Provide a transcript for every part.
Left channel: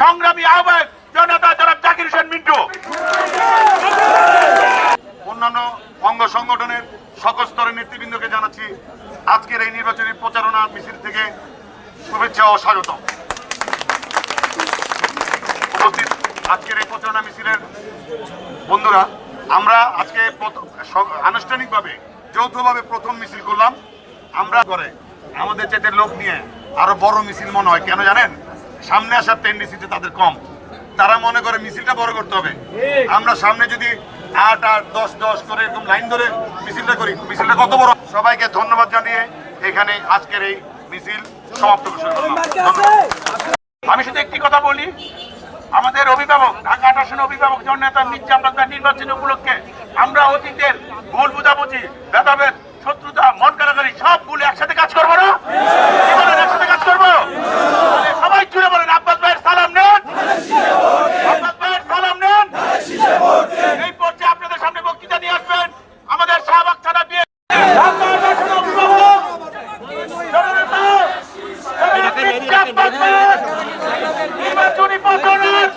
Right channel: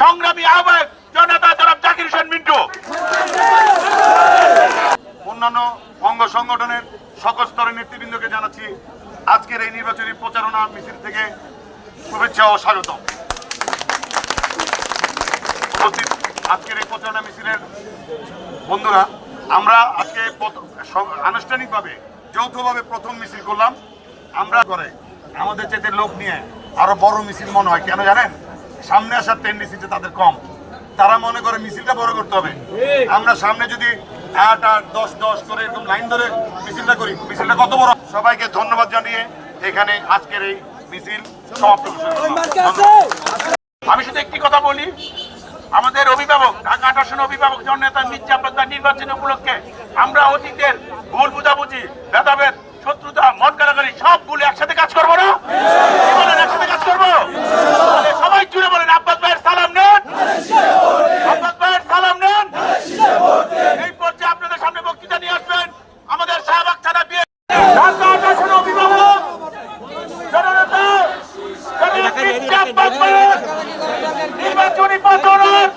সংগ্রামী আহ্বায়ক জনতা জনাব জাকির হোসেন মিন্টু। অন্যান্য অঙ্গ সংগঠনের সকল স্তরের নেতৃবৃন্দকে জানাচ্ছি, আজকের এই নির্বাচনী প্রচারণা মিছিল থেকে শুভেচ্ছা ও স্বাগত উপস্থিত আজকের এই প্রচারণা মিছিলের বন্ধুরা, আমরা আজকে আনুষ্ঠানিকভাবে, যৌথভাবে প্রথম মিছিল করলাম। আমরা করে আমাদের চাইতে লোক নিয়ে আরও বড় মিছিল মনে হয়, কেন জানেন? সামনে আসার টেন্ডেন্সিতে তাদের কম। তারা মনে করে মিছিলটা বড় করতে হবে। আমরা সামনে যদি আট আট দশ দশ করে এরকম লাইন ধরে মিছিলটা করি মিছিলটা কত বড়? সবাইকে ধন্যবাদ জানিয়ে এখানে আজকের এই মিছিল সমাপ্ত আমি শুধু একটি কথা বলি আমাদের অভিভাবক ঢাকা আট আসনের অভিভাবক জননেতা মির্জা আব্বাস নির্বাচন উপলক্ষে আমরা অতীতের ভুল বুঝাবুঝি ভেদাভেদ শত্রুতা মন কারাগারি সব ভুলে একসাথে কাজ করব না কি বলেন একসাথে কাজ করব তাহলে সবাই জুড়ে বলেন আব্বাস ভাইয়ের সালাম নেন আব্বাস ভাইয়ের সালাম নেন এই পর্যায়ে আপনাদের সামনে বক্তৃতা নিয়ে আসবেন আমাদের শাহবাগ থানা বিয়ে ঢাকা আট আসনের অভিভাবক জননেতা জননেতা মির্জা আব্বাস ভাইয়ের নির্বাচনী প্রচারণার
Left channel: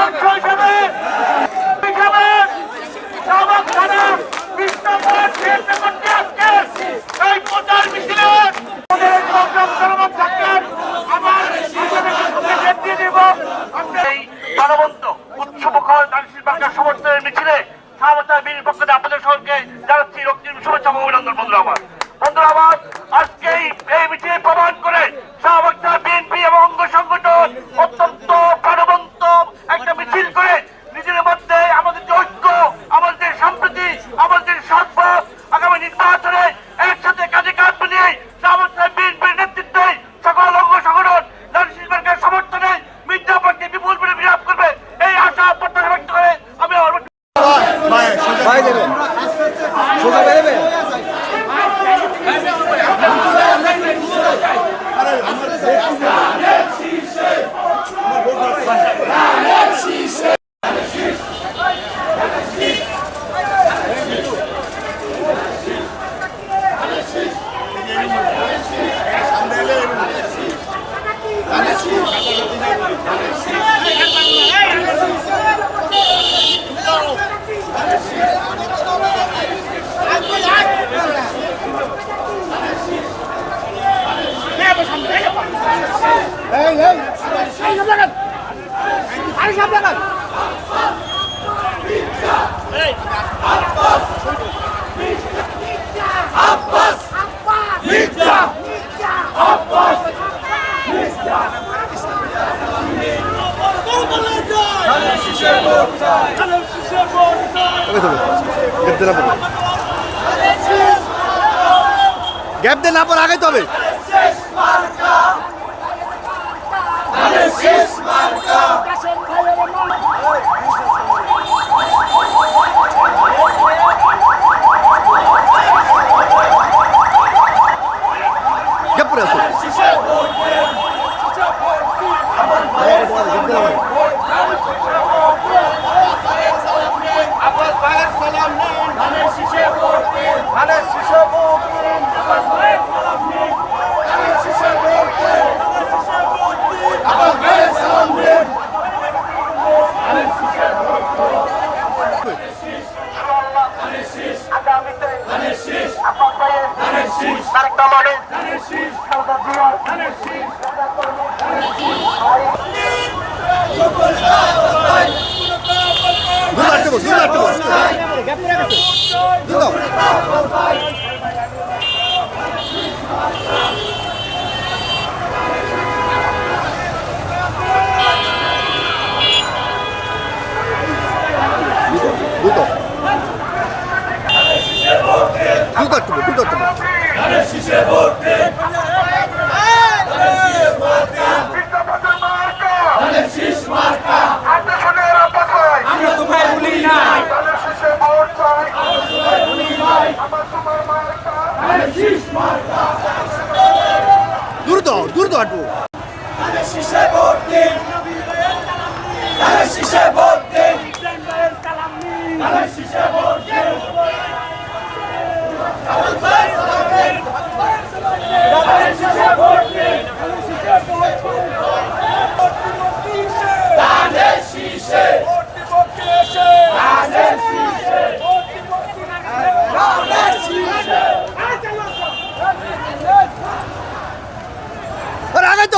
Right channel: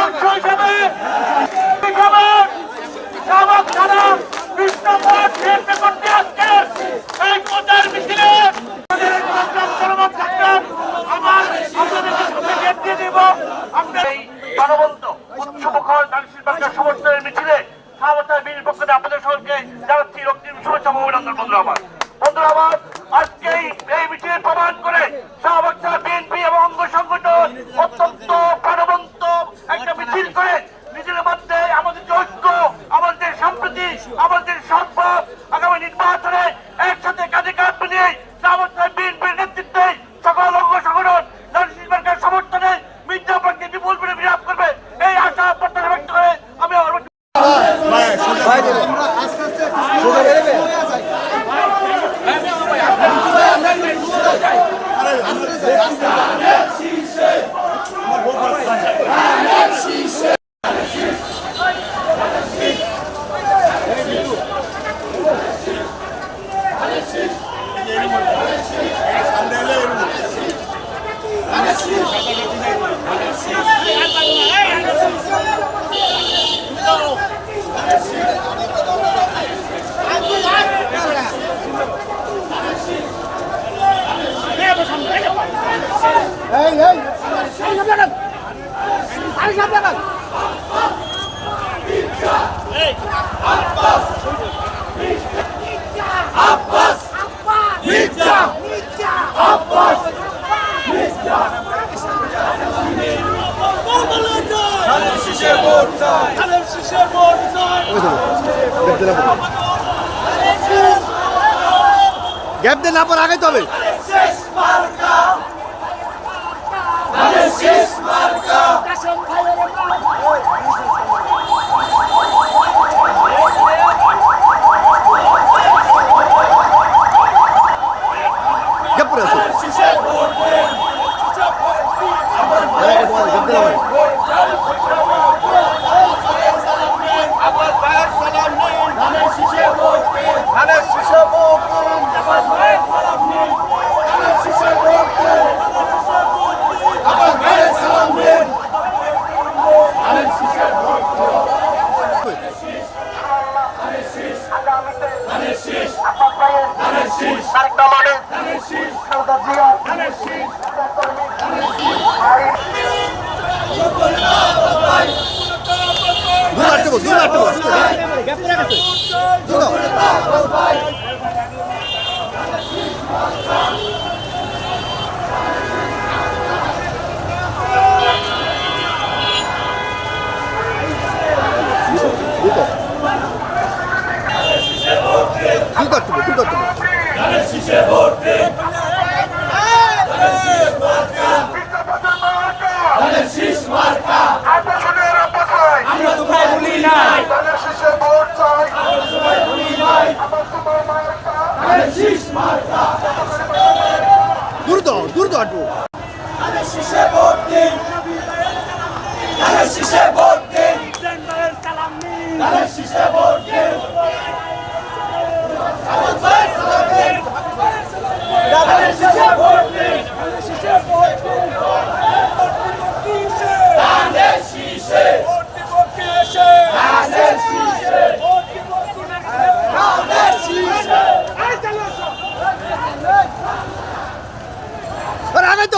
অংশ হিসেবে বিজ্ঞাপন শাহবাগ থানা বিষ্ণুপুর কেন্দ্র করতে আজকে এই প্রচার মিছিলে আমাদের এই সংগ্রাম চলমান থাকবেন সঙ্গে ডেট দিয়ে এই মিছিলে শাহবাগ বীর পক্ষ থেকে আপনাদের সকলকে রক্তিম শুভেচ্ছা অভিনন্দন বন্ধুরা আমার বন্ধুরা, আমার আজকে এই এই মিছিলে প্রমাণ করে শাহবাগ বিএনপি এবং অঙ্গ সংগঠন অত্যন্ত প্রাণবন্ত একটা মিছিল করে নিজের মধ্যে আমাদের যে ঐক্য আমাদের যে সম্প্রীতি আমাদের যে সদ্ভাব আগামী নির্বাচনে একসাথে কাজে কাজ মিলিয়ে শাহবাগ বিএনপির নেতৃত্বে সকল অঙ্গ সংগঠন নারী সমর্থনে মির্জাপুরকে বিপুল করে বিরাপ করবে এই আশা প্রত্যাশা ব্যক্ত করে আমি আমার বক্তব্য এই এই আরে সামনে লাগান আরে সামনে লাগান আব্বাস আব্বাস মির্জা আব্বাস গ্যাপ দে না পর আগাইতে হবে। গ্যাপ আসো আব্বাস ভাইয়ের সালাম নিন। ধানের শীষে ভোট দিন। ধানের শীষে ভোট দিন। আব্বাস ভাইয়ের সালাম নিন। ধানের শীষে ভোট দিন। ধানের শীষে ভোট দিন। আব্বাস ভাইয়ের সালাম নিন। ধানের শীষে ভোট আগামীতে ধানের শীষ। আব্বাস ভাইয়ের ধানের শীষ তারেক রহমানের ধানের শীষ খালেদা জিয়ার ধানের শীষ দূর গেছে। দূর দাও। দুটো দুটো আটকে দুটো আটকে ধানের শীষ মার্কা আব্বাস ভাইয়ের আব্বাস ভাই আমরা তোমায় ভুলি নাই ধানের শীষে ভোট চাই আমরা তোমায় ভুলি নাই আমার তোমার মার্কা ধানের শীষ মার্কা দূর দাও দূর দাও ধানের শীষে ভোট দিন। ধানের ভোট দিন ধানের শীষে ভোট দিন আব্বাস ভাইয়ের সালাম দিন ধানের শীষে ভোট দিন ধানের শীষে ভোট দিন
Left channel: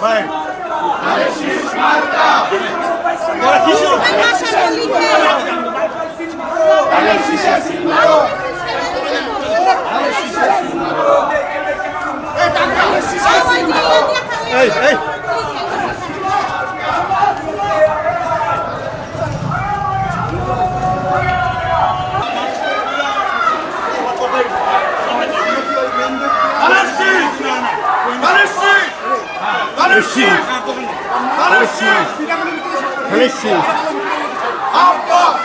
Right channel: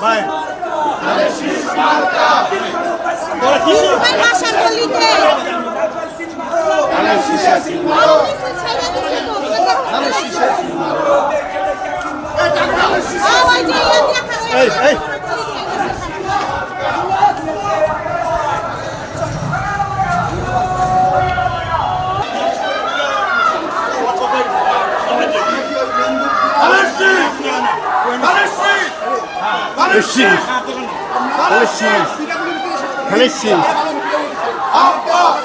ভাই তোরা কি শুরু এই এই Palestine! Palestine! Palestine! আব্বাস